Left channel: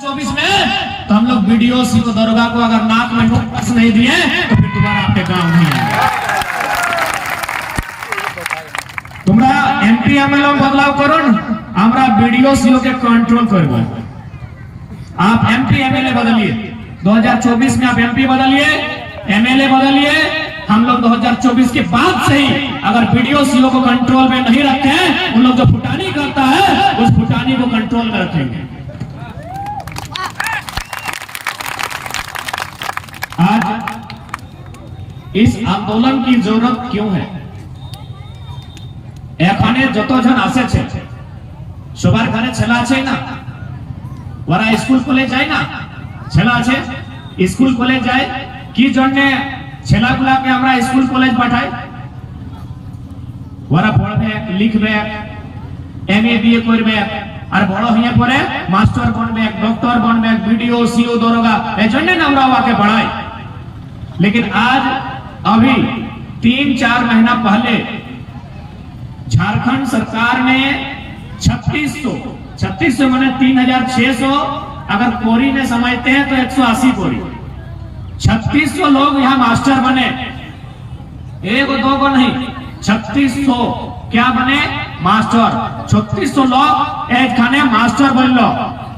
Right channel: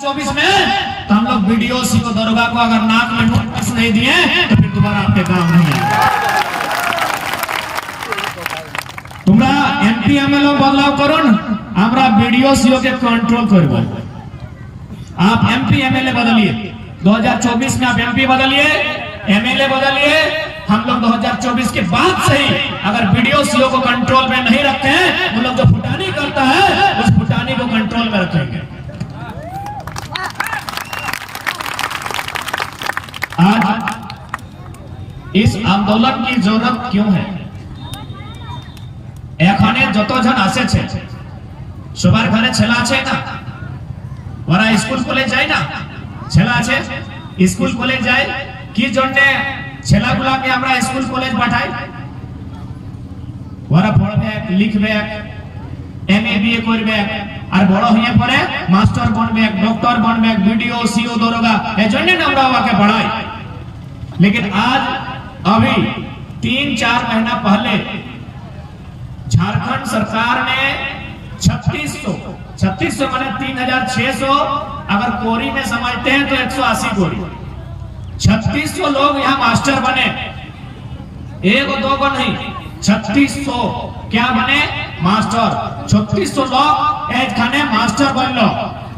24 में तो हम लोग वीडियो सी को दरोगा को अगर नाक में नोटिस नहीं दिए तो फिर दोबारा आपके गांव नहीं आएंगे। তোমরা এমপি এমএলএ बदलाव करो ना, हमरा वीडियो सीओ के कंट्रोल करबो। आप एमपी एमएलए बदलिए, 2024 में आप एमपी बदलिए, एमएलए बदलिए। हम लोग 2024 के बाद से ही अगर वीडियो सीओ को कंट्रोल में नहीं रखते हैं, उन लोग जो फुटानी करता है उस फुटानी को कंट्रोल में रखेंगे। आज इस आंदोलन की जरूरत क्यों है? এখানে যতজন আসেছে সবার ঘরে ছেলে আছে না, ওরা স্কুল কলেজ যায় না, ছেলে আছে স্কুল কলেজ যায়, কি জন্য ছেলেগুলাকে আমরা স্কুল কলেজ পাঠাই? ওরা পড়বে, লিখবে, এমএ বিএ করবে, আর বড় হয়ে পরে মাস্টার बनবে, डॉक्टर बनবে, बीडीओ सीओ दरोगा, এজন্য আমরা ওকে পড়াই। लेकिन आज अभी 3-4 महीना पहले झारखंड सरकार ने 3600 माने 3600, अगर कोरी में समझते हैं तो 180 कोरी, 3600 लोग यहाँ मास्टर बने। एक दो को नहीं, 3600 क्या बने? मास्टर। 3600 लोग एक खाने मास्टर बन लो,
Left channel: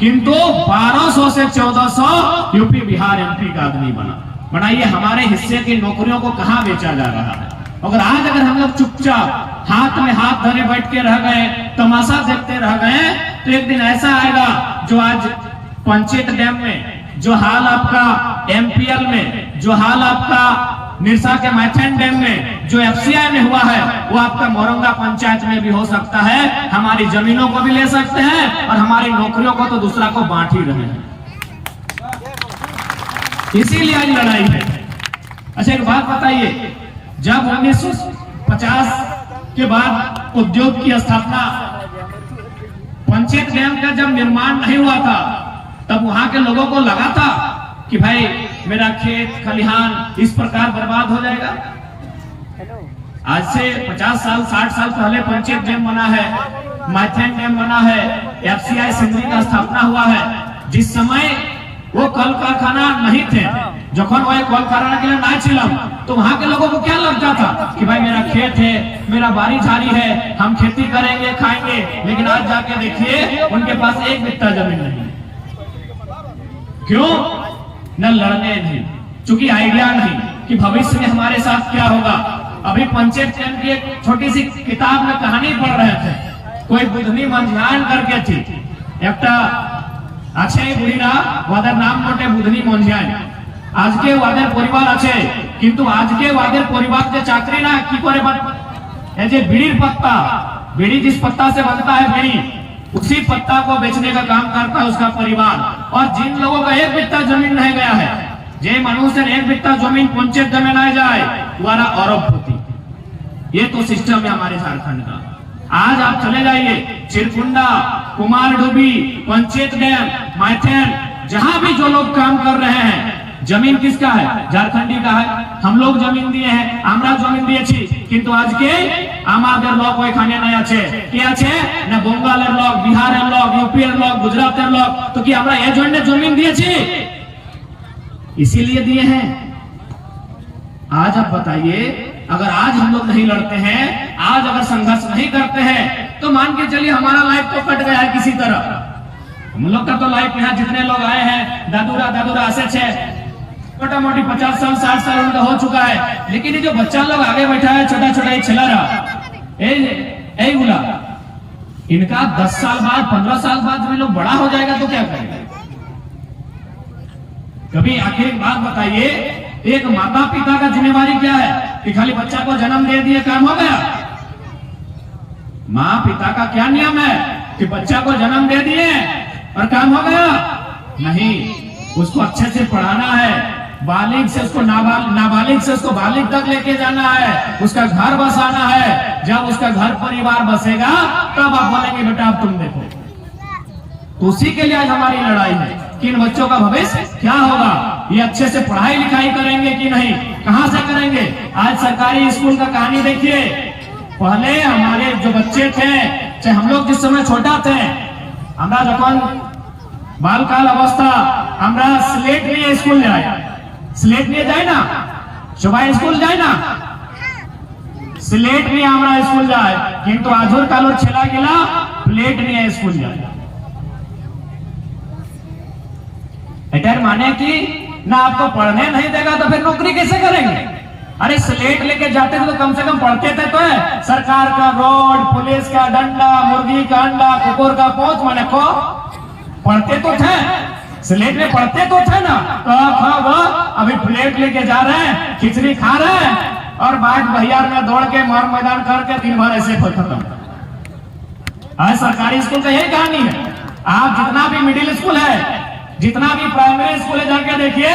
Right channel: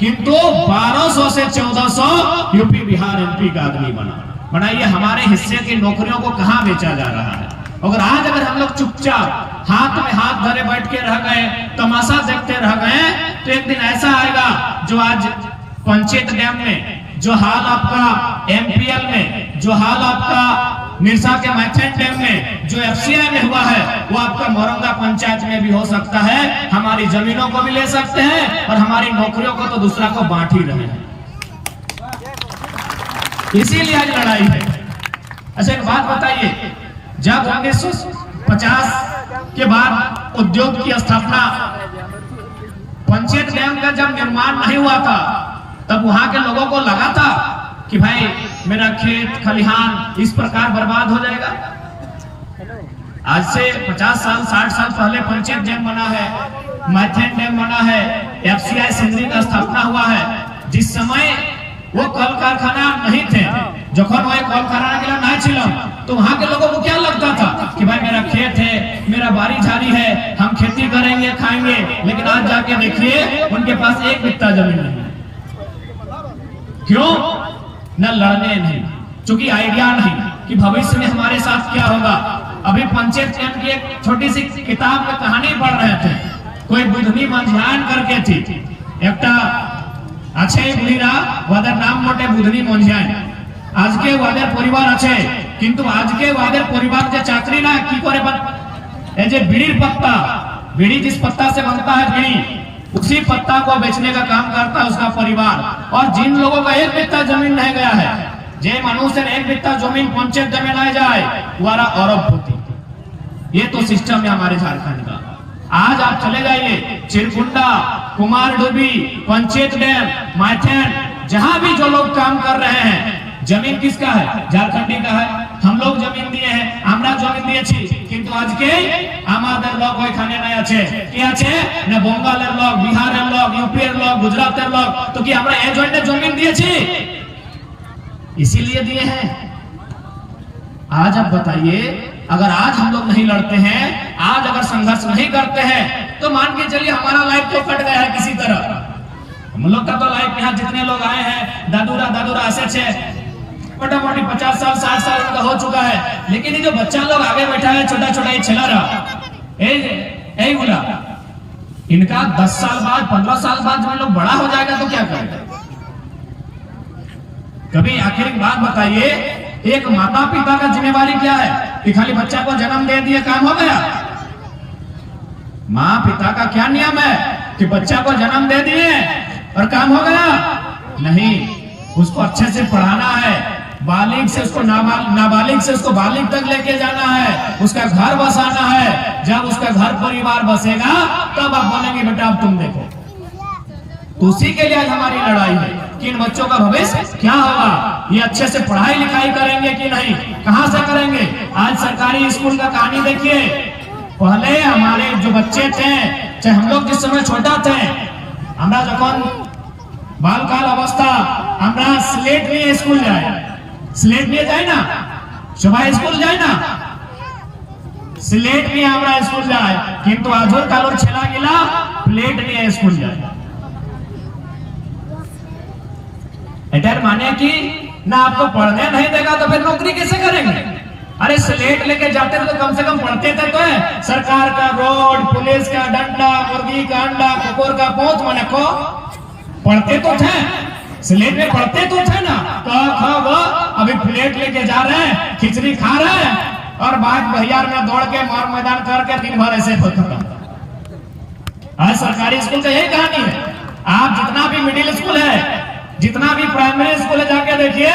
किंतु 1200 से 1400 यूपी बिहार एमपी का आदमी बना। बनाइए, हमारे हिस्से की नौकरियों को कहां बेचा जा रहा है? अगर हम लोग चुपचाप हाथ में हाथ धरे बैठ के रह गए, तमाशा देखते रह गए, तो एक दिन ऐसा आएगा जो आज पंचायत डैम में जो हाल आपका एमपीएल में, जो हाल आपका निरसा के मैथन डैम में, जो एफसीआई में हुआ है, वो आपका मोरंगा पंचायत में भी हो सकता है। हमारी जमीनों को भी ले सकते हैं और हमारी नौकरियों को तो दूसरा को बांट ही रहे हैं। इसीलिए आज लड़ाई है। अच्छा, एक बात बताइए, जब 1950 के बाद उद्योग की स्थापना, पंचायत डैम का जब निर्माण नहीं हुआ था, तब वहां के लोगों को लगा था कि भाई मेरा खेत खलिहान इस प्रकार बर्बाद हो जाएगा। आज से 50 साल 60 साल पहले पंचायत डैम बना है, मैथन डैम बना है, एफसीआई सिंधी का स्थापना हुआ है। जिस समय वो कल कारखाना नहीं थे, जखन वो कल कारखाना के लिए नहीं छिलम, तो वहां के लोगों को क्या लगता था कि भाई मेरा खेत है, मेरा बारी झाड़ी है, हम खेती करेंगे, खाएंगे। लेकिन आज जाके देखिए, उनके पास एक बित्ता जमीन नहीं। क्यों? न लड़ने नहीं, चूंकि आइडिया नहीं कि भविष्य में हमारे साथ क्या होगा। अभी पंचायत डैम की एक छोटी सी किताब में कहानी पढ़ रहे थे, कोई बुधनी मंझान करके थी, एक अच्छे बुढ़ीरा वादर नाम मोटे बुधनी मंझान। आज के वादर परिवार अच्छे, किंतु आज के वादर परिवार के चाकरी ना की करे बीड़ी पत्ता, बीड़ी जिस पत्ता से बनता है बीड़ी, उसी पत्ता को बेचने का काम करता है उसका परिवार। और जिन लोगों का एक बित्ता जमीन नहीं गया है, जे मनुष्य एक बित्ता जमीन पंचायत जमीन आ जाए, वारा अरबपति। ये तो सिस्टम है हमारे झारखंड का। आज आप चले जाइए चिरकुंडा, कुमारडूबी, पंचायत डैम, मैथन, जहां भी जो लोग काम कर रहे हैं, जमीन किसका है? झारखंडी का है। हम लोग जमीन दिए हैं, আমরা जमीन দিয়েছি, কিন্তু আজকে আমাদের লোক ওইখানে নাই আছে। কি আছে? না বঙ্গালের লোক, বিহারের লোক, ইউপির লোক, গুজরাটের লোক। তো কি আমরা এই জন্য জমিন দিয়েছি? इसीलिए दिए हैं। आज आप बताइए, अगर आज हम लोग नहीं लड़ते हैं, आज अगर संघर्ष नहीं करते हैं, तो मान के चलिए हमारा लाइफ तो कट गया है किसी तरह। हम लोग का तो लाइफ यहाँ जितने लोग आए हैं, दादूरा ऐसे छे मोटा मोटी 50 साल 60 साल उनका हो चुका है। लेकिन ये जो बच्चा लोग आगे बैठा है, छोटा छोटा ये छला रहा, इनका 10 साल बाद 15 साल बाद जब लोग बड़ा हो जाएगा तो क्या करेगा? कभी आखिर एक बात बताइए, एक माता पिता का जिम्मेवारी क्या है कि खाली बच्चा को जन्म दे दिए काम हो गया? माँ पिता का क्या नियम है कि बच्चा को जन्म दे दिए और काम हो गया? नहीं, उसको अच्छे से पढ़ाना है, बालिग से उसको नाबालिग से उसको बालिग तक लेके जाना है, उसका घर बसाना है। जब उसका घर परिवार बसेगा तब आप बोलेंगे बेटा अब तुम देखो। तो उसी के लिए आज हमारी लड़ाई है कि इन बच्चों का भविष्य क्या होगा, ये अच्छे से पढ़ाई लिखाई करेंगे कि नहीं, कहां से करेंगे? आज सरकारी स्कूल का कहानी देखिए, पहले हमारे जो बच्चे थे, चाहे हम लोग जिस समय छोटा थे, আমরা যখন बालकाल अवस्था আমরা স্লেট নিয়ে স্কুল যাই, স্লেট নিয়ে যাই না সবাই স্কুল যায় না, স্লেট নিয়ে আমরা স্কুল যাই, কিন্তু আজর কালোর ছেলেগুলা প্লেট নিয়ে স্কুল যায়। एटर माने कि ना आपको पढ़ने नहीं देगा तो फिर नौकरी कैसे करेंगे? अरे स्लेट लेके जाते थे तो कम से कम पढ़ते थे तो है। सरकार का रोड, पुलिस का डंडा, मुर्गी का अंडा, कुकुर का पोंछ माने को पढ़ते तो थे, स्लेट में पढ़ते तो थे ना। तो वो अभी प्लेट लेके जा रहे हैं, खिचड़ी खा रहे हैं और बाद बहियार में दौड़ के मार मैदान करके दिन भर ऐसे खत्म। आज सरकारी स्कूल का यही कहानी है। आप जितना भी मिडिल स्कूल है, जितना भी प्राइमरी स्कूल है, जाके देखिए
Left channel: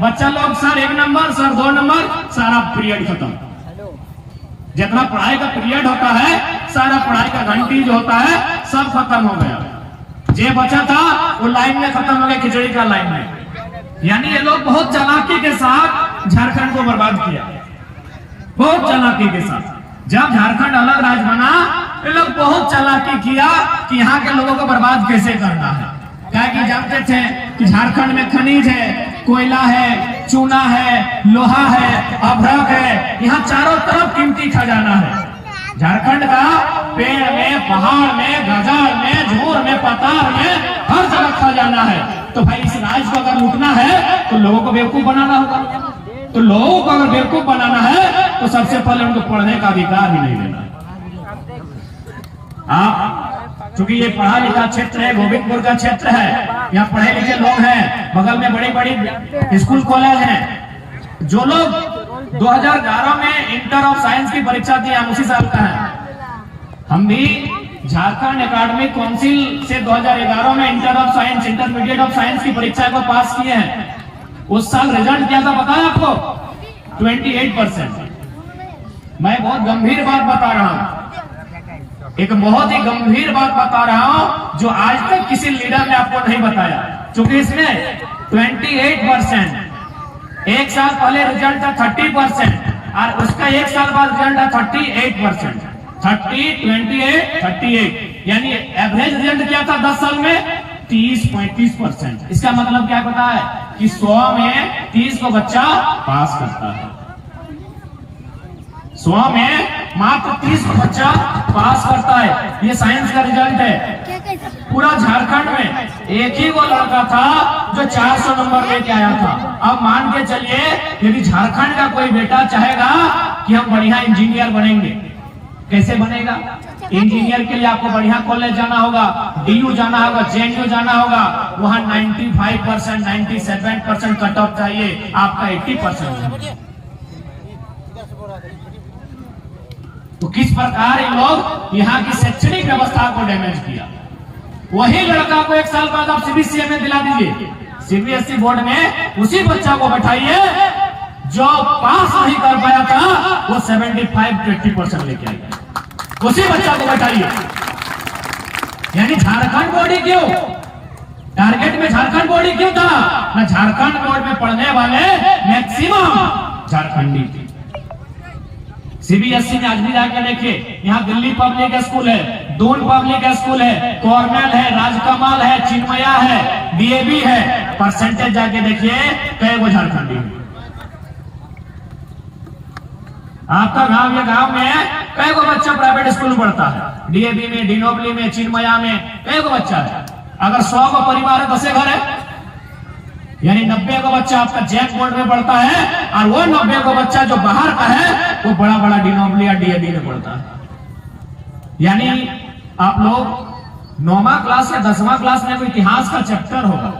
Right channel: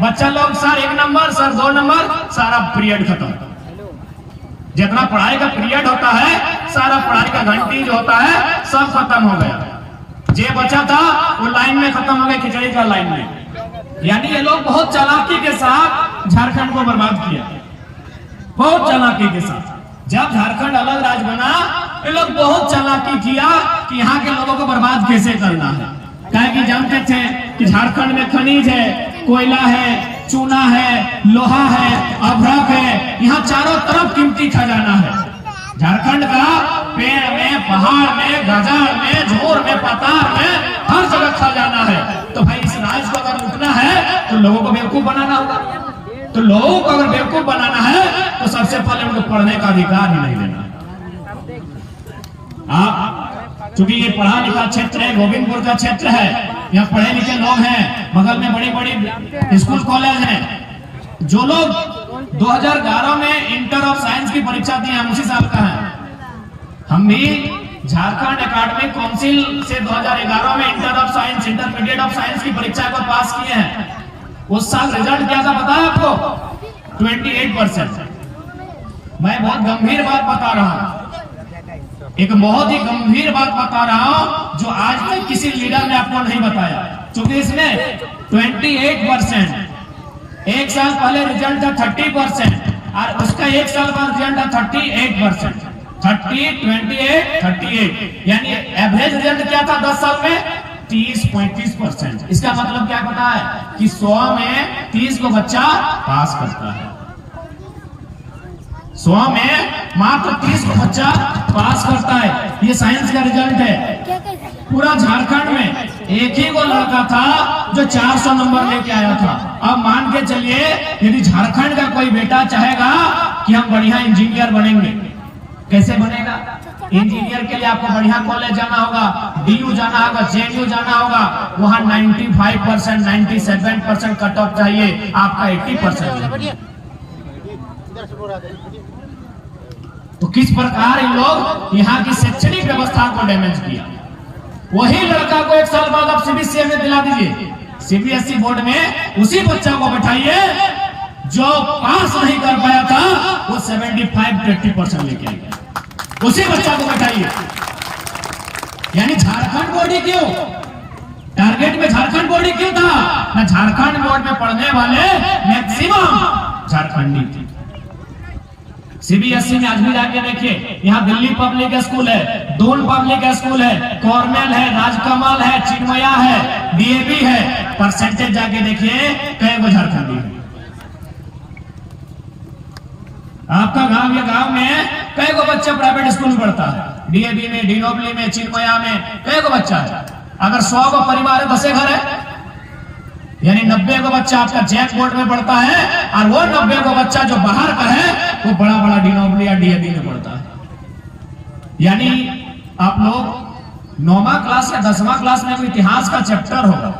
बच्चा लोग सर 1 नंबर, सर 2 नंबर, सारा पीरियड खत्म। जितना पढ़ाई का पीरियड होता है, सारा पढ़ाई का घंटी जो होता है सब खत्म हो गया। जे बचा था वो लाइन में खत्म हो गया, खिचड़ी का लाइन में। यानी ये लोग बहुत चालाकी के साथ झारखंड को बर्बाद किया, बहुत चालाकी के साथ। जब झारखंड अलग राज्य बना, ये लोग बहुत चालाकी किया कि यहाँ के लोगों को बर्बाद कैसे करना है। क्या कि जानते थे कि झारखंड में खनिज है, कोयला है, चूना है, लोहा है, अभ्रक है, यहाँ चारों तरफ कीमती खजाना है। झारखंड का पेड़ में, पहाड़ में, गजार में, झोर में, पतार में हर जगह खजाना है। तो भाई इस राज्य को अगर लूटना है तो लोगों को बेवकूफ बनाना होगा। तो लोगों को अगर बेवकूफ बनाना है तो सबसे पहले उनको पढ़ने का अधिकार ही नहीं देना। आप क्योंकि ये पढ़ा लिखा क्षेत्र है, गोविंदपुर का क्षेत्र है, यहाँ पढ़े लिखे लोग हैं, बगल में बड़ी बड़ी स्कूल कॉलेज हैं। जो लोग 2011 में इंटर ऑफ साइंस की परीक्षा दी, हम उसी साल का है। हम भी झारखंड एकेडमिक काउंसिल से 2011 में inter of science, intermediate of science की परीक्षा को पास किए हैं। उस साल रिजल्ट क्या था पता है आपको? 28%। मैं बहुत गंभीर बात बता रहा हूं, एक बहुत ही गंभीर बात बता रहा हूं जो आज तक किसी लीडर ने आपको नहीं बताया। क्योंकि इसमें 28%, एक साल पहले रिजल्ट था 30% और उसका एक साल बाद रिजल्ट था 38%। 30, 28, 38 यानी एवरेज रिजल्ट क्या था 10 साल में? 30-35%। इसका मतलब क्या पता है कि 100 में 30 को बच्चा पास करता है, 100 में मात्र 30 को बच्चा पास करता है। ये साइंस का रिजल्ट है। पूरा झारखंड में एक ही वो लड़का था जो 400 नंबर लेके आया था। अब मान के चलिए यदि झारखंड का कोई बेटा चाहेगा कि हम बढ़िया इंजीनियर बनेंगे, कैसे बनेगा? इंजीनियर के लिए आपको बढ़िया कॉलेज जाना होगा, डीयू जाना होगा, जेएनयू जाना होगा, वहां 95%, 97% कट ऑफ चाहिए, आपका 80%। तो किस प्रकार इन लोग यहाँ की शैक्षणिक व्यवस्था को डैमेज किया। वही लड़का को 1 साल बाद आप सीबीएसई में दिला दीजिए, सीबीएसई बोर्ड में उसी बच्चा को बैठाइए जो पास नहीं कर पाया था, वो 75-80% लेके आएगा, उसी बच्चा को बैठाइए। यानी झारखंड बोर्ड ही क्यों? टारगेट में झारखंड बोर्ड ही क्यों था? ना झारखंड बोर्ड में पढ़ने वाले मैक्सिमम झारखंडी थे। सीबीएसई में आज भी जाके देखिए, यहाँ दिल्ली पब्लिक स्कूल है, दून पब्लिक स्कूल है, कॉर्नेल है, राजकमल है, चिन्मया है, डीएवी है, परसेंटेज जाके देखिए कई वो झारखंडी है। आपका गांव या गांव में कई को बच्चा प्राइवेट स्कूल में पढ़ता है, डीएवी में, डिनोबली में, चिन्मया में कई को बच्चा है। अगर 100 का परिवार है, 10 घर है, यानी 90 का बच्चा आपका जैक बोर्ड में पढ़ता है और वो 90 का बच्चा जो बाहर का है वो बड़ा बड़ा डिनोबली या डीएवी में पढ़ता है। यानी आप लोग 9वां क्लास या 10वां क्लास में कोई इतिहास का चैप्टर होगा,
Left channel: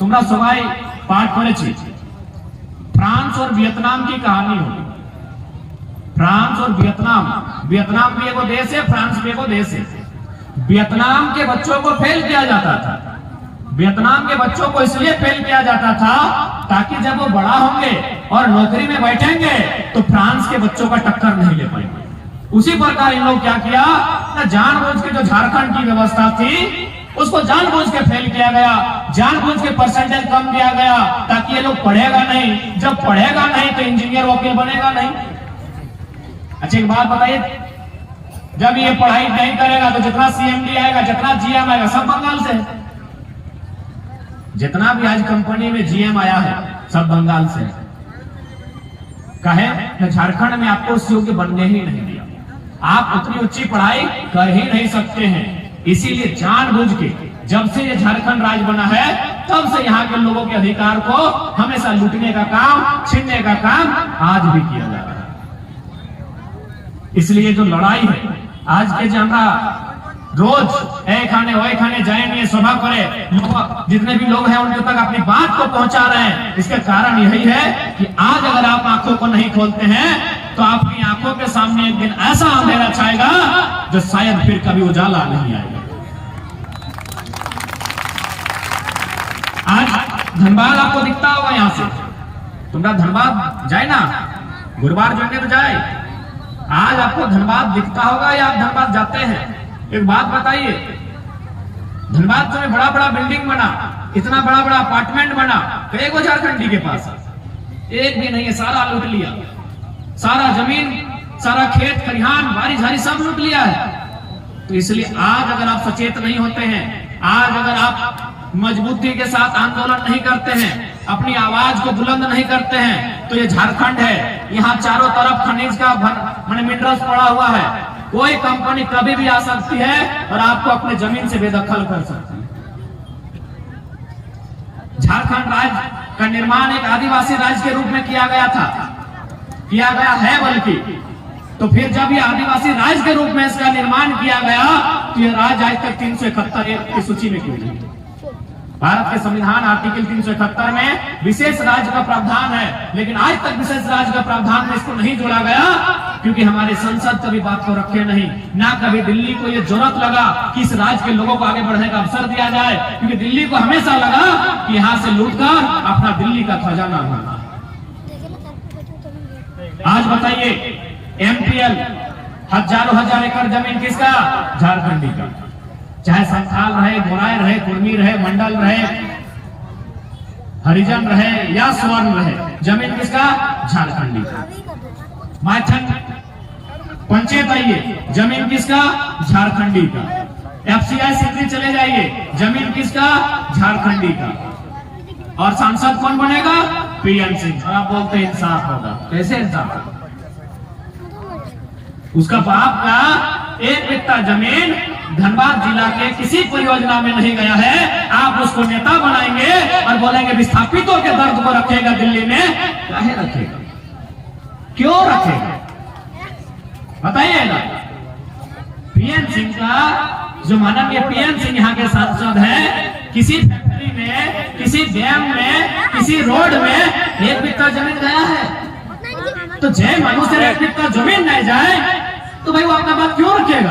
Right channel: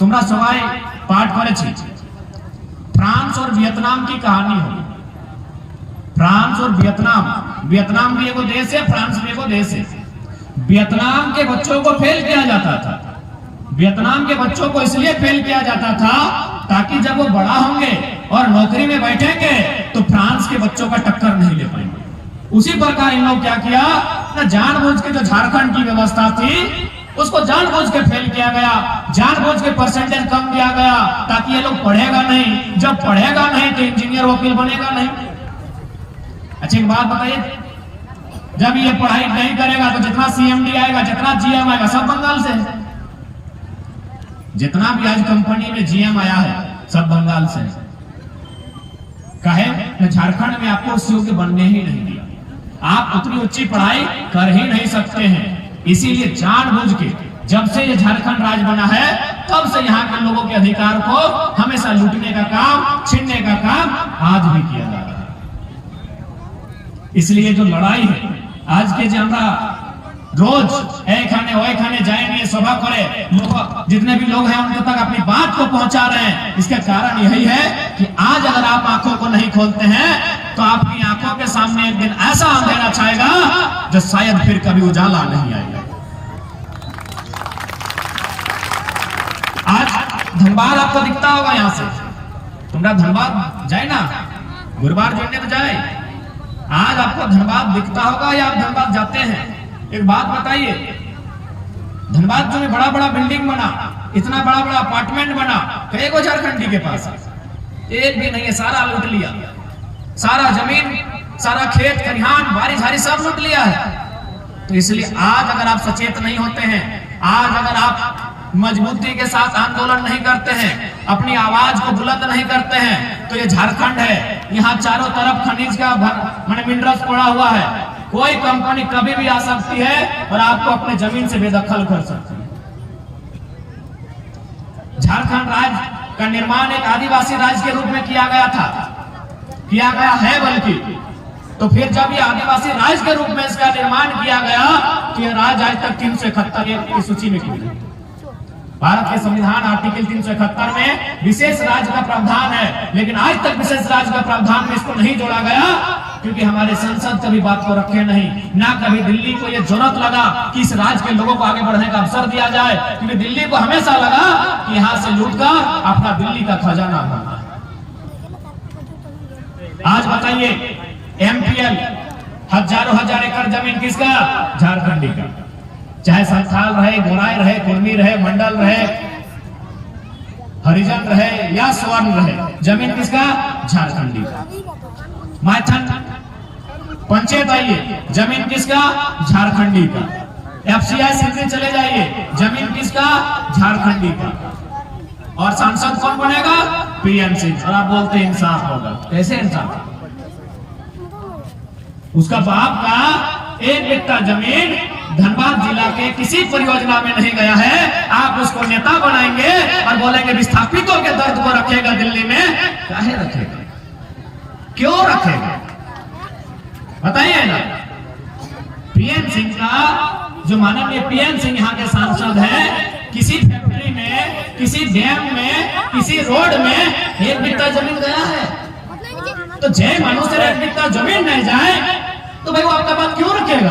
तुम्हारा सवाई पाठ करे फ्रांस और वियतनाम की कहानी होगी। फ्रांस और वियतनाम, वियतनाम भी एक देश है, फ्रांस भी एक देश है। वियतनाम के बच्चों को फेल किया जाता था। वियतनाम के बच्चों को इसलिए फेल किया जाता था ताकि जब वो बड़ा होंगे और नौकरी में बैठेंगे तो फ्रांस के बच्चों का टक्कर नहीं ले पाएंगे। उसी प्रकार इन लोग क्या किया, जानबूझ के जो झारखंड की व्यवस्था थी उसको जानबूझ के फेल किया गया, जानबूझ के परसेंटेज कम दिया गया ताकि ये लोग पढ़ेगा नहीं। जब पढ़ेगा नहीं तो इंजीनियर वकील बनेगा नहीं। अच्छी बात बताइए, जब ये पढ़ाई नहीं करेगा तो जितना सीएमडी आएगा, जितना जीएम आएगा, सब बंगाल से। जितना भी आज कंपनी में जीएम आया है सब बंगाल से। कहे झारखंड में आपको उस योग्य बनने ही नहीं दिया, आप उतनी ऊंची पढ़ाई कर ही नहीं सकते हैं। इसीलिए जानबूझ के जब से ये झारखंड राज्य बना है तब से यहाँ के लोगों के अधिकार को हमेशा लूटने का काम, छीनने का काम आज भी किया जा रहा है। इसलिए जो लड़ाई है आज के जो हमारा रोज ए खाने जाएंगे सभा करे लोग, जितने भी लोग हैं उनके तक अपनी बात को पहुंचा रहे हैं, इसका कारण यही है कि आज अगर आप आंखों को नहीं खोलते हैं तो आपकी आंखों के सामने एक दिन ऐसा अंधेरा छाएगा जो शायद फिर कभी उजाला नहीं आएगा। आज धनबाद आपको दिखता होगा, यहां से तुम्हारा धनबाद जाए ना, गुरुवार जुड़ने तो जाए, आज आपको धनबाद दिखता होगा या आप धनबाद जाते हैं? एक बात बताइए, धनबाद में बड़ा बड़ा बिल्डिंग बना, इतना बड़ा बड़ा अपार्टमेंट बना, कई को झारखंडी के पास एक भी नहीं है, सारा लूट लिया, सारा जमीन, सारा खेत खलिहान, बारिश झारी सब लूट लिया है। तो इसलिए आज अगर आप सचेत नहीं होते हैं, आज अगर आप मजबूती के साथ आंदोलन नहीं करते हैं, अपनी आवाज को बुलंद नहीं करते हैं, तो ये झारखंड है, यहाँ चारों तरफ खनिज का मिनरल्स पड़ा हुआ है, कोई कंपनी कभी भी आ सकती है और आपको अपने जमीन से बेदखल कर सकती है। झारखंड राज्य का निर्माण एक आदिवासी राज्य के रूप में किया गया था, किया गया है बल्कि, तो फिर जब ये आदिवासी राज्य के रूप में इसका निर्माण किया गया तो यह राज्य आज तक 371 की सूची में क्यों नहीं? भारत के संविधान आर्टिकल 371 में विशेष राज्य का प्रावधान है, लेकिन आज तक विशेष राज्य का प्रावधान में इसको नहीं जोड़ा गया क्योंकि हमारे संसद कभी बात को रखे नहीं, ना कभी दिल्ली को ये जरूरत लगा कि इस राज्य के लोगों को आगे बढ़ने का अवसर दिया जाए, क्योंकि दिल्ली को हमेशा लगा कि यहाँ से लूटकर अपना दिल्ली का खजाना भरना। आज बताइए, एमपीएल हजारों हजार एकड़ जमीन किसका? झारखंडी का, चाहे संथाल रहे, गोराई रहे, कुर्मी रहे, मंडल रहे, हरिजन रहे या स्वर्ण रहे, जमीन किसका? झारखंडी का। मैथन पंचायत आइए, जमीन किसका? झारखंडी का। एफसीआई सिंधी चले जाइए, जमीन किसका? झारखंडी का। और सांसद कौन बनेगा? पीएन सिंह। और आप बोलते इंसाफ होगा, कैसे इंसाफ? उसका बाप का एक बिट्टा जमीन धनबाद जिला के किसी परियोजना में नहीं गया है, आप उसको नेता बनाएंगे और बोलेंगे विस्थापितों के दर्द को रखेगा दिल्ली में। काहे रखेगा? क्यों रखेगा? बताइए ना। पीएन सिंह का, जो माननीय पीएन सिंह यहाँ के सांसद हैं, किसी फैक्ट्री में, किसी डैम में, किसी रोड में एक बिट्टा जमीन गया है? तो जय मनुष्य एक बिट्टा जमीन नहीं जाए तो भाई वो अपना बात क्यों रखेगा?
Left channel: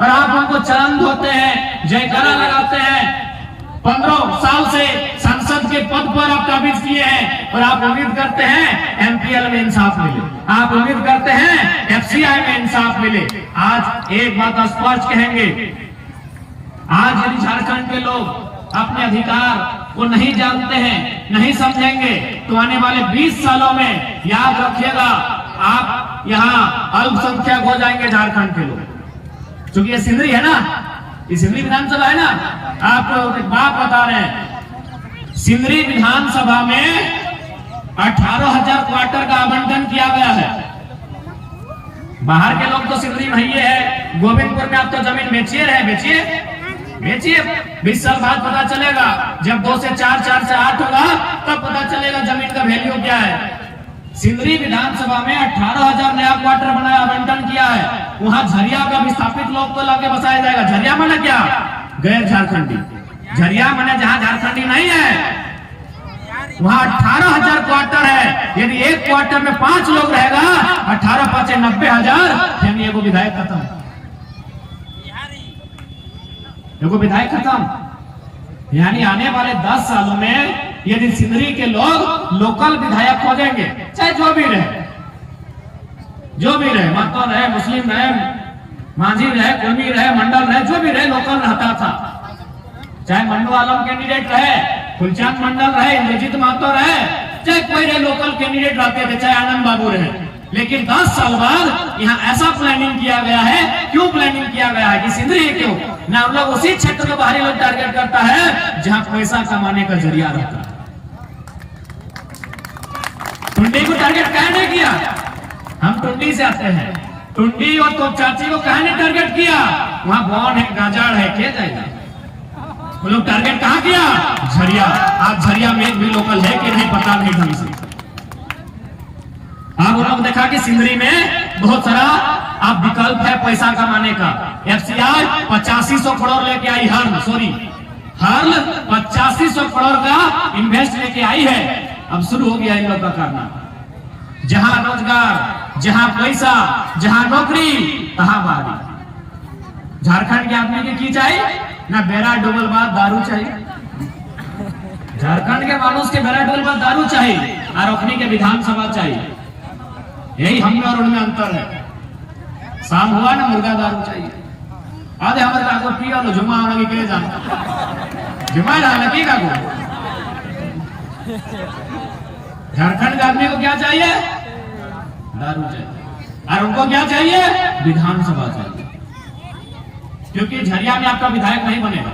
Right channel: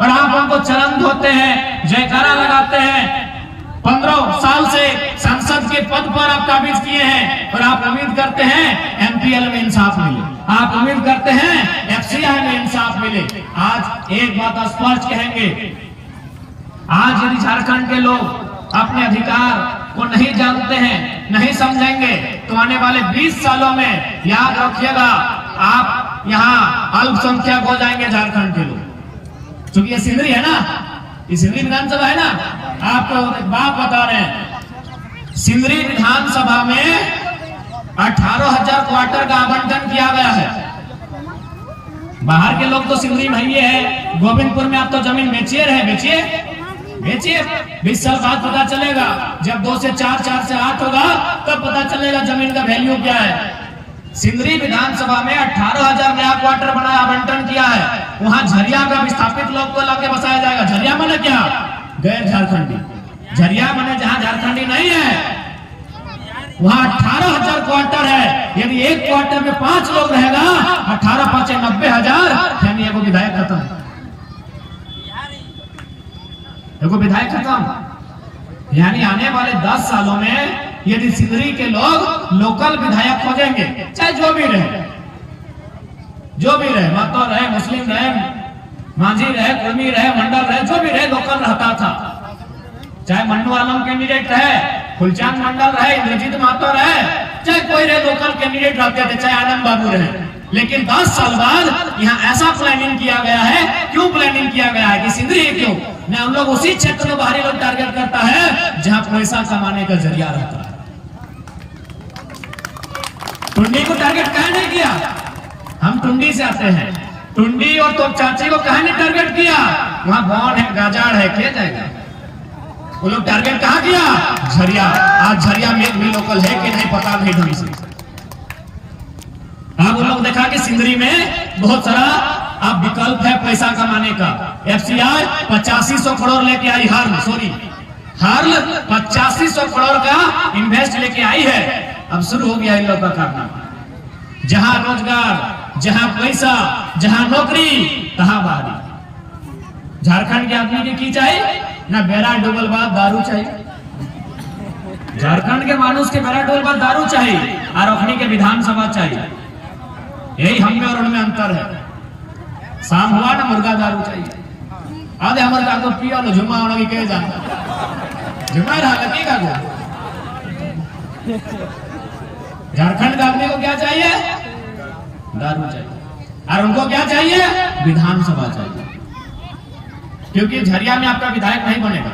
और आप उनको चरण धोते हैं, जयकारा लगाते हैं। 15 साल से संसद के पद पर आप काबिज किए हैं और आप उम्मीद करते हैं एमपीएल में इंसाफ मिले, आप उम्मीद करते हैं एफसीआई में इंसाफ मिले। आज एक बात स्पष्ट कहेंगे, आज यदि झारखंड के लोग अपने अधिकार को नहीं जानते हैं, नहीं समझेंगे, तो आने वाले 20 सालों में याद रखिएगा आप यहाँ अल्पसंख्यक हो जाएंगे झारखंड के लोग। क्योंकि ये सिंदरी है ना, ये सिंदरी विधानसभा है ना, आपको एक बात बता रहे हैं, सिंदरी विधानसभा में 18,000 क्वार्टर का आवंटन किया गया है। बाहर के लोग तो सिंदरी में ही है, गोविंदपुर में आप तो जमीन बेचिए रहे, बेचिए 20 साल बाद पता चलेगा, जब 2 से 4, 4 से 8 होगा तब पता चलेगा जमीन का वैल्यू क्या है। सिंदरी विधानसभा में 18,000 नया क्वार्टर बना आवंटन किया है। वहां झरिया का विस्थापित लोग को लाके बसाया जाएगा। झरिया माने क्या? गैर झारखंडी। झरिया माने जहां झारखंडी नहीं है, वहां 18,000 क्वार्टर है। यदि एक क्वार्टर में 5 लोग रहेगा, 18 5 90,000, यानी एगो विधायक खत्म, एगो विधायक खत्म। यानी आने वाले 10 सालों में यदि सिंदरी के लोग लोकल विधायक खोजेंगे, चाहे जो भी रहे, महतो रहे, मुस्लिम रहे, मांझी रहे, कुर्मी रहे, मंडल रहे, जो भी रहे, लोकल रहता था। चाहे मन्नू आलम कैंडिडेट रहे, फुलचंद मंडल रहे, इंद्रजीत महतो रहे, चाहे कोई रहे, लोकल कैंडिडेट रहते थे, चाहे आनंद बाबू रहे, लेकिन 10 साल बाद यहाँ ऐसा प्लानिंग किया गया है। क्यों प्लानिंग किया गया है कि सिंदरी है क्यों ना, हम लोग उसी क्षेत्र में बाहरी लोग टारगेट करता है जहां पैसा कमाने का जरिया रहता है। टुंडी को टारगेट कहा नहीं किया, हम टुंडी से आते हैं। टुंडी और तो चाची को कहा नहीं टारगेट किया, वहां बॉन है, गाजाड़ है, क्या जाएगा। वो लोग टारगेट कहाँ किया, झरिया। आज झरिया में भी लोकल है कि नहीं पता नहीं ढंग से। आप लोग देखा कि सिंदरी में बहुत सारा आप विकल्प है पैसा कमाने का। एफसीआई 8500 करोड़ लेके आई, हर्ल 8500 करोड़ का इन्वेस्ट लेके आई है। अब शुरू हो गया इन लोग का करना। जहां रोजगार, जहां पैसा, जहां नौकरी, तहां बाहरी। झारखंड के आदमी की चाहिए ना, बेरा डोबल बाद दारू चाहिए। झारखंड के मानुष के बेरा डोबल बाद दारू चाहिए और अखनी के विधानसभा चाहिए। यही हम में और उनमें अंतर है। शाम हुआ ना मुर्गा दारू चाहिए। आधे हमारे काको पियो ना झुमा होना के जाना झुमा रहा लगी काको। झारखंड के आदमी को क्या चाहिए, दारू चाहिए और उनको क्या चाहिए, विधानसभा चाहिए। क्योंकि झरिया में आपका विधायक नहीं बनेगा,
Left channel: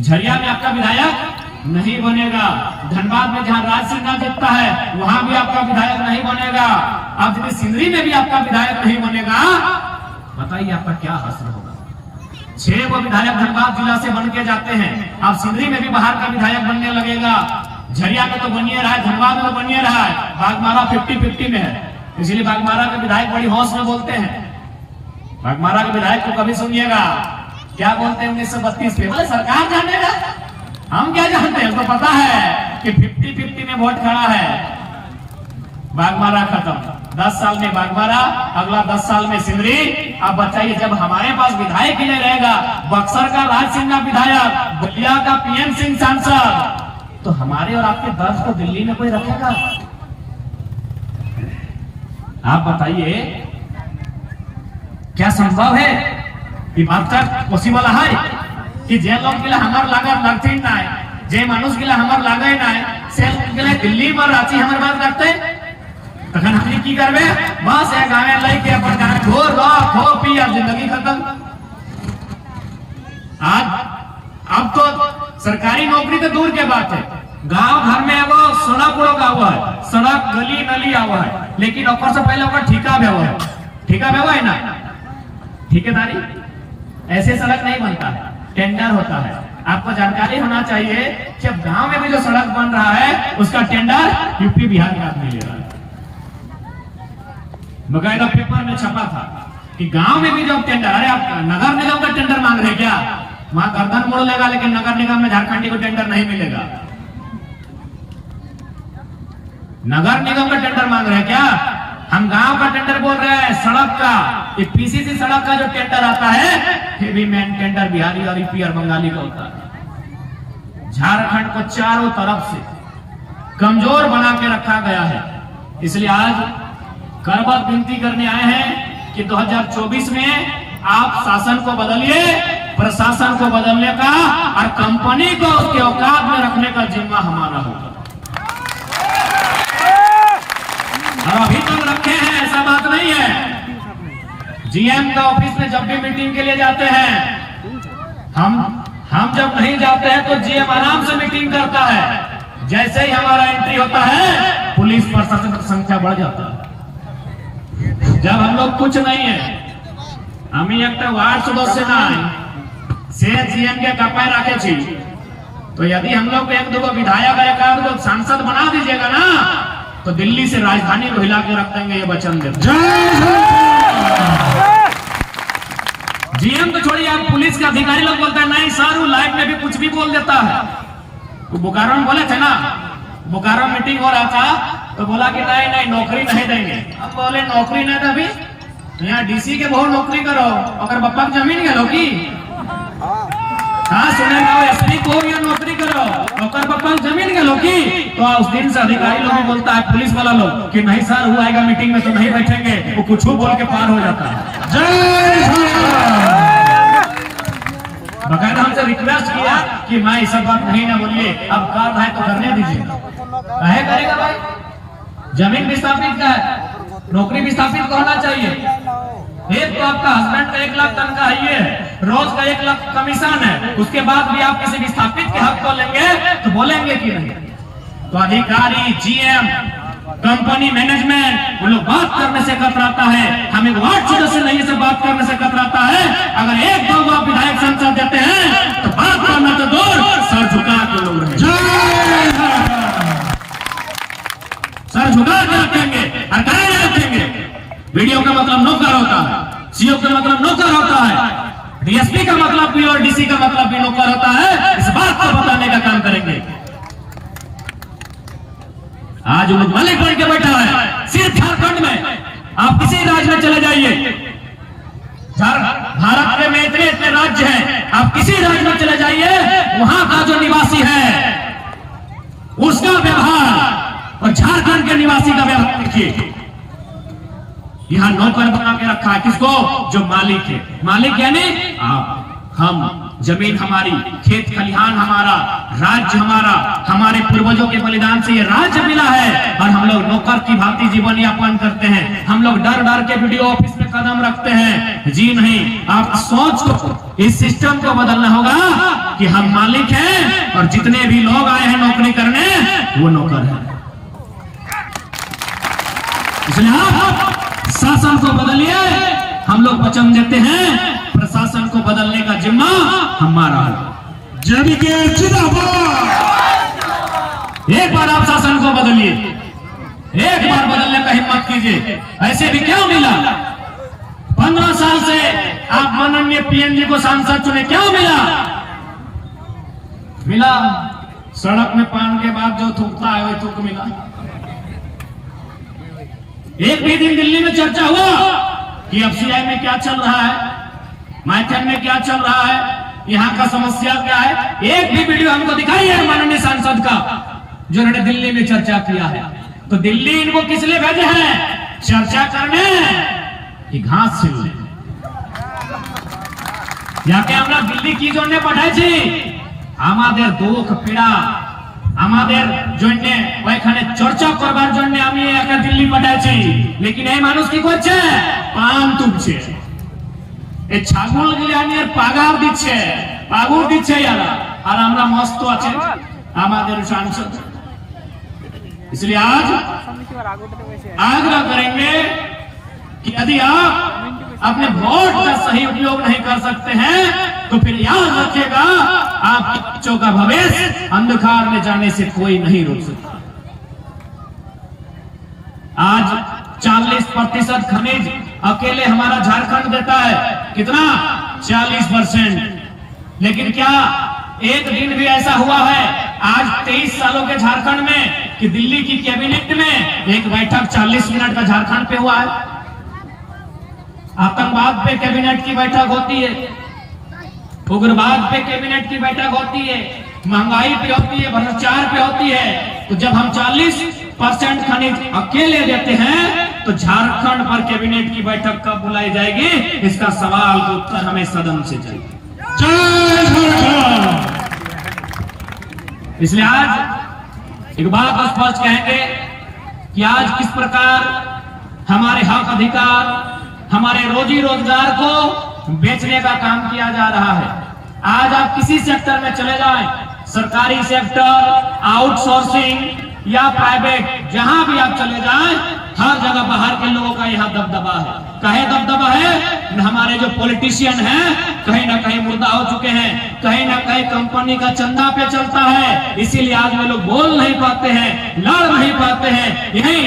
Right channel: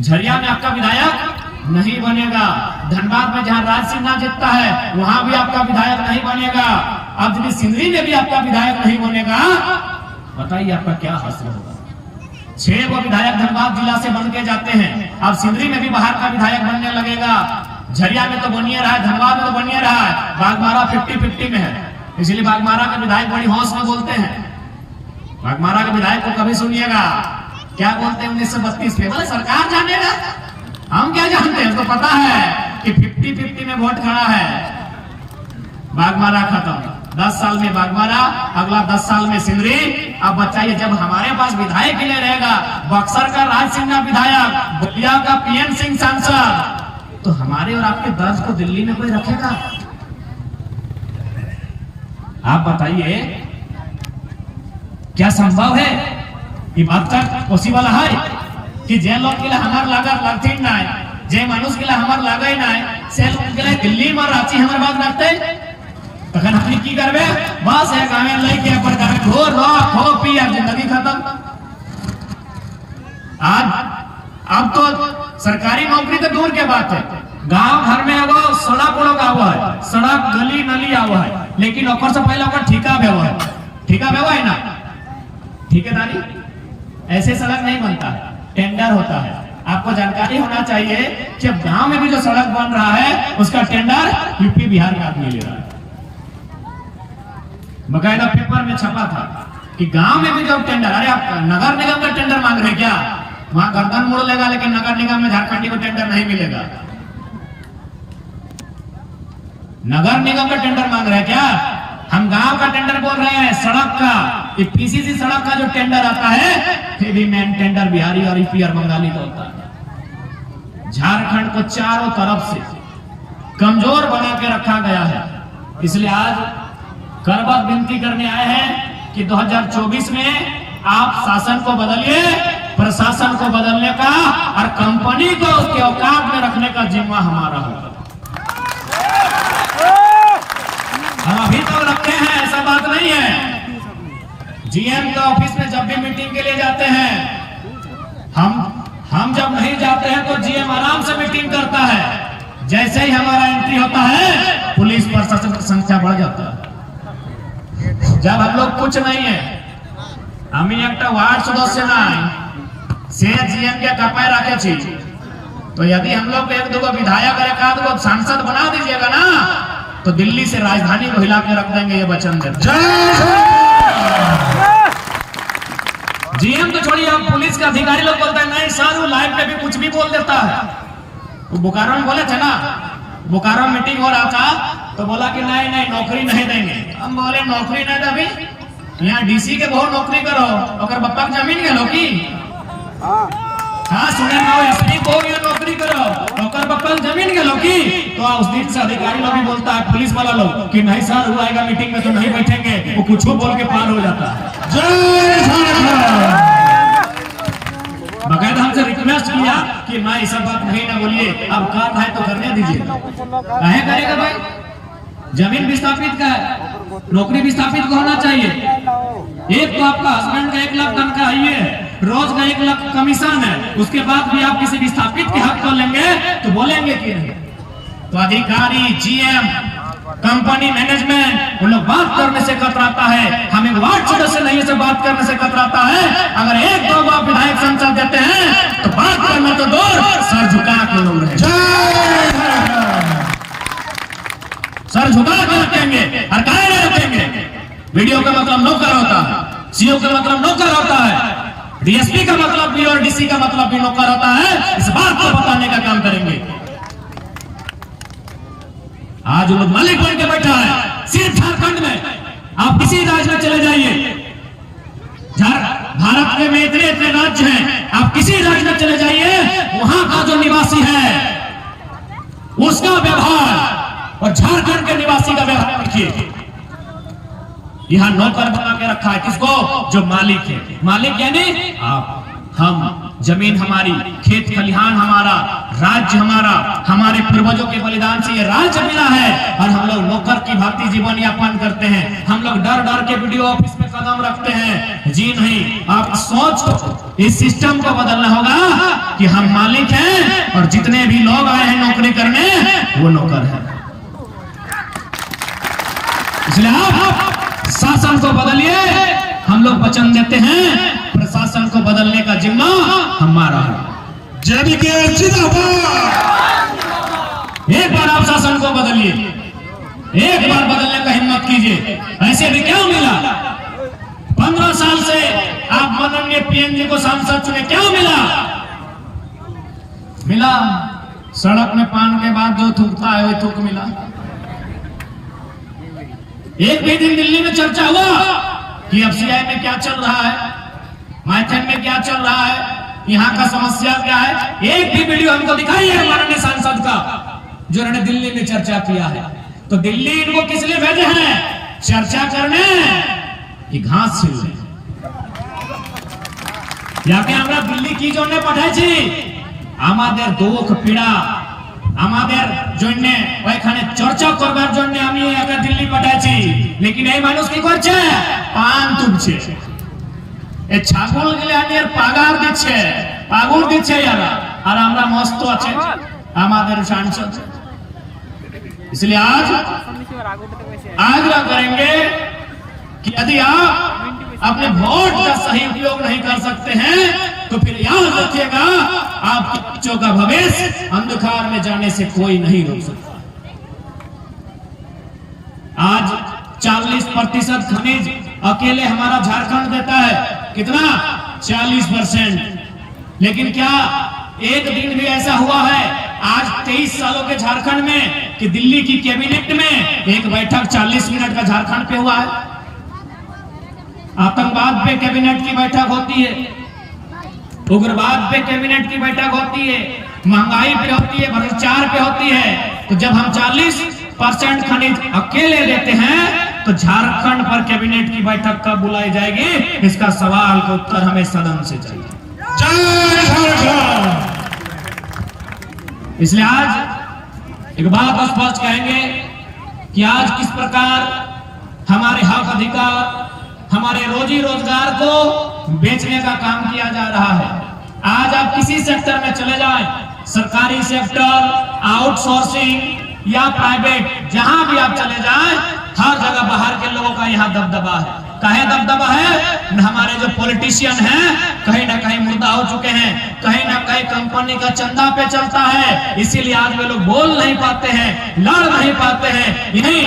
झरिया में आपका विधायक नहीं बनेगा। धनबाद में जहां राज सिंह ना जीतता है वहां भी आपका विधायक नहीं बनेगा। अब यदि सिंदरी में भी आपका विधायक नहीं बनेगा, बताइए आपका क्या हासिल होगा। 6 वो विधायक धनबाद जिला से बन के जाते हैं, अब सिंदरी में भी बाहर का विधायक बनने लगेगा। झरिया में तो बनिए रहा है, धनबाद में तो बनिए रहा है, बागमारा 50-50 में है। इसलिए बागमारा का विधायक बड़ी हौस में बोलते हैं। बागमारा के विधायक को कभी सुनिएगा क्या बोलते हैं 1932 में, बोले सरकार जानेगा, हम क्या जानते हैं, उसको पता है कि 50-50 में वोट खड़ा है। बागमारा खत्म, 10 साल में बागमारा, अगला 10 साल में सिंदरी। अब बताइए जब हमारे पास विधायक ही नहीं रहेगा, बक्सर का राज सिंह विधायक, बलिया का पीएन सिंह सांसद, तो हमारे और आपके दर्द को दिल्ली में कोई रखेगा। आप बताइए क्या संभव है, ये बात तक पॉसिबल है कि जे लोग के लिए हमार लागत लगती ना, जे मानुष के लिए हमार लागे ना, से लोग के लिए दिल्ली में रांची हमार बात लगते, तखन हम की करबे, बस एक गावे लेके अपन गावे ढोर रो खो पी और जिंदगी खत्म। आज अब तो सरकारी नौकरी तो दूर के बात है, गांव घर में एगो सड़क उड़क आवा है, सड़क गली नली आवा है, लेकिन ओकर से पहले ओकर ठेका भेवा है। ठेका भेवा है ना, ठेकेदारी ऐसे सड़क नहीं बनता है, टेंडर होता है। आपको जानकारी होना चाहिए कि अब गांव में भी जो सड़क बन रहा है उसका टेंडर यूपी बिहार का आदमी ले रहा है। बकायदा पेपर में छपा था कि गांव में भी जब टेंडर, अरे आप नगर निगम का टेंडर मांग रहे क्या, वहां गर्दन मोड़ लेगा, लेकिन नगर निगम में झारखंडी को टेंडर नहीं मिलेगा। नगर निगम का टेंडर मांग रहे क्या, हम गांव का टेंडर बोल रहे हैं, सड़क का। ये पीसीसी सड़क का जो टेंडर आता है फिर भी मेन टेंडर बिहारी और यूपी और बंगाली का होता है। झारखंड को चारों तरफ से कमजोर बना के रखा गया है। इसलिए आज करबद्ध विनती करने आए हैं कि 2024 में आप शासन को बदलिए, प्रशासन को बदलने का और कंपनी को उसके औकात में रखने का जिम्मा हमारा होगा। और अभी तो रखे हैं, ऐसा बात नहीं है। जीएम का ऑफिस में जब भी मीटिंग के लिए जाते हैं, हम जब नहीं जाते हैं तो जीएम आराम से मीटिंग करता है। जैसे ही हमारा एंट्री होता है पुलिस प्रशासन की संख्या बढ़ जाता है। जब हम लोग कुछ नहीं है, हम एक वार्ड सदस्य ना से जीएम के कपाय रखे छी, तो यदि हम लोग एक दो विधायक और एक आध को सांसद बना दीजिएगा ना, तो दिल्ली से राजधानी को हिला के रख देंगे, ये वचन देते। जीएम तो छोड़िए, आप पुलिस के अधिकारी लोग बोलते हैं नहीं सर वो लाइव में भी कुछ भी बोल देता है। वो बोकारो में बोले थे ना, बोकारो में मीटिंग हो रहा था तो बोला कि नहीं नौकरी नहीं देंगे। हम बोले नौकरी नहीं देवी, यहाँ डीसी के बहुत नौकरी करो, और बप्पा की जमीन गलो की, हाँ सुने एसपी को भी नौकरी करो, और बप्पा की जमीन गलो की। तो उस दिन से अधिकारी लोग भी बोलता है, पुलिस वाला लोग कि नहीं सर वो आएगा मीटिंग में तो नहीं बैठेंगे, वो कुछ बोल के पार हो जाता है। बकायदा हमसे रिक्वेस्ट किया कि मैं ऐसा बात नहीं ना बोलिए, अब काम है तो करने दीजिए। कहे करेगा भाई, जमीन विस्थापित का है, नौकरी विस्थापित को होना चाहिए। एक तो आपका हस्बैंड का 1 लाख तनख्वाह है, रोज का 1 लाख कमीशन है, उसके बाद भी आप किसी विस्थापित के हक को लेंगे तो बोलेंगे कि नहीं? तो अधिकारी, जीएम, कंपनी मैनेजमेंट, उन लोग बात करने से कतराता है। हम एक वार्ड सदस्य नहीं से बात करने से कतराता है। अगर 1-2 आप विधायक संसद देते हैं तो बात करना तो दूर, सर झुका के लोग रहे, सर झुका के रखेंगे, हटाए रखेंगे। वीडियो का मतलब नौकर होता है, सीओ का मतलब नौकर होता है, डीएसपी का मतलब भी और डीसी का मतलब भी नौकर होता है। इस बात को बताने का काम करेंगे। आज लोग मालिक बन के बैठा है सिर्फ झारखंड में। आप किसी राज्य में चले जाइए, भारत में इतने राज्य हैं, आप किसी राज्य में चले जाइए, वहां का जो निवासी है उसका व्यवहार और झारखंड के निवासी का व्यवहार देखिए। यहां नौकर बना के रखा है किसको? जो मालिक है। मालिक यानी आप, हम, जमीन हमारी, खेत खलिहान हमारा, राज्य हमारा, हमारे पूर्वजों के बलिदान से ये राज्य मिला है और हम लोग नौकर की भांति जीवन यापन करते हैं। हम लोग डर डर के वीडियो ऑफिस में कदम रखते हैं। जी नहीं, आप सोच को, इस सिस्टम को बदलना होगा कि हम मालिक हैं और जितने भी लोग आए हैं नौकरी करने वो नौकर है। इसलिए आप शासन को बदलिए। हम लोग वचन देते हैं प्रशासन को बदलने का जिम्मा हमारा है। एक बार आप शासन को बदलिए, एक बार बदलने का हिम्मत कीजिए। ऐसे भी क्या मिला? 15 साल से आप माननीय पीएम जी को सांसद चुने, क्या मिला? मिला सड़क में पान के बाद जो थूकता है वही थूक मिला। एक भी दिन दिल्ली में चर्चा हुआ कि एफसीआई में क्या चल रहा है, माइथन में क्या चल रहा है, यहाँ का समस्या क्या है? एक भी वीडियो हमको दिखाई है माननीय सांसद का जो उन्होंने दिल्ली में चर्चा किया है? तो दिल्ली इनको किस लिए भेजे हैं? चर्चा करने कि घास छिलने? याके আমরা দিল্লি কি জন্য পাঠাইছি? আমাদের দুঃখ পীড়া, আমাদের জন্য ওইখানে চর্চা করবার জন্য আমি একা দিল্লি পাঠাইছি। लेकिन এই মানুষ কি করছে? পান তুলছে, এই ছাগল গুলো আমি আর পাগার দিচ্ছে, পাগুর দিচ্ছে এরা, আর আমরা মস্ত আছে আমাদের सांसद। इसलिए आज आग्रह करेंगे कि यदि आप अपने वोट का सही उपयोग नहीं कर सकते हैं तो फिर याद रखिएगा आपके बच्चों का भविष्य अंधकार में जाने से कोई नहीं रोक सकता। आज 40% खनिज अकेले हमारा झारखंड देता है। कितना? 40%। लेकिन क्या एक दिन भी ऐसा हुआ है आज 23 सालों के झारखंड में कि दिल्ली की कैबिनेट में एक बैठक 40 मिनट का झारखंड पे हुआ है? आतंकवाद पे कैबिनेट की बैठक होती है, उग्रवाद पे कैबिनेट की बैठक होती है, महंगाई पे होती है, भ्रष्टाचार पे होती है। तो जब हम 40% खनिज अकेले देते हैं तो झारखंड पर कैबिनेट की बैठक कब बुलाई जाएगी? इसका सवाल का उत्तर हमें सदन से चाहिए। इसलिए आज एक बात स्पष्ट कहेंगे कि आज किस प्रकार हमारे हक अधिकार, हमारे रोजी रोजगार को बेचने का काम किया जा रहा है। आज आप किसी सेक्टर में चले जाएं, सरकारी सेक्टर, आउटसोर्सिंग या प्राइवेट, जहां भी आप चले जाएं, हर जगह बाहर के लोगों का यहाँ दबदबा है। काहे दबदबा है? हमारे जो पॉलिटिशियन हैं कहीं ना कहीं मुर्दा हो चुके हैं, कहीं ना कहीं कंपनी का चंदा पे चलता है। इसीलिए आज वे लोग बोल नहीं पाते हैं, लड़ नहीं पाते हैं। यही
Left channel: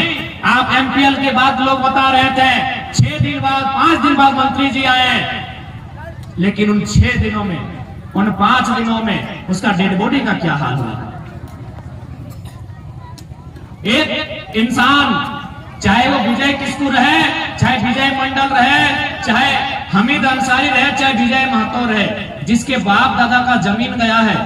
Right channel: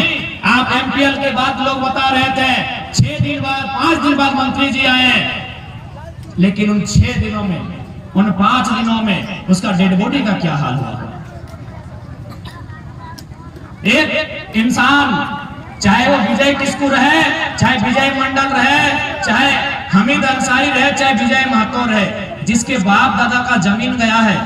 आप एमपीएल के बाद लोग बता रहे थे 6 दिन बाद, 5 दिन बाद मंत्री जी आए, लेकिन उन 6 दिनों में, उन 5 दिनों में उसका डेड बॉडी का क्या हाल हुआ? एक इंसान, चाहे वो विजय किस्कू रहे, चाहे विजय मंडल रहे, चाहे हमीद अंसारी रहे, चाहे विजय महतो रहे, जिसके बाप दादा का जमीन गया है,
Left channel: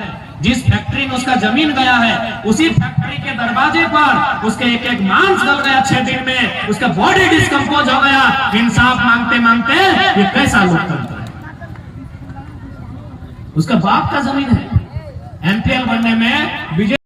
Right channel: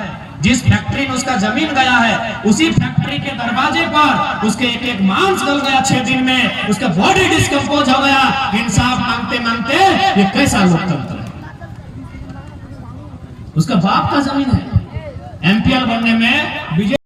जिस फैक्ट्री में उसका जमीन गया है, उसी फैक्ट्री के दरवाजे पर उसके एक एक मांस गल गया 6 दिन में, उसका बॉडी डिस्कम्पोज हो गया। इंसाफ मांगते मांगते ये कैसा लोकतंत्र है? उसका बाप का जमीन है। एमपीएल बनने में विजय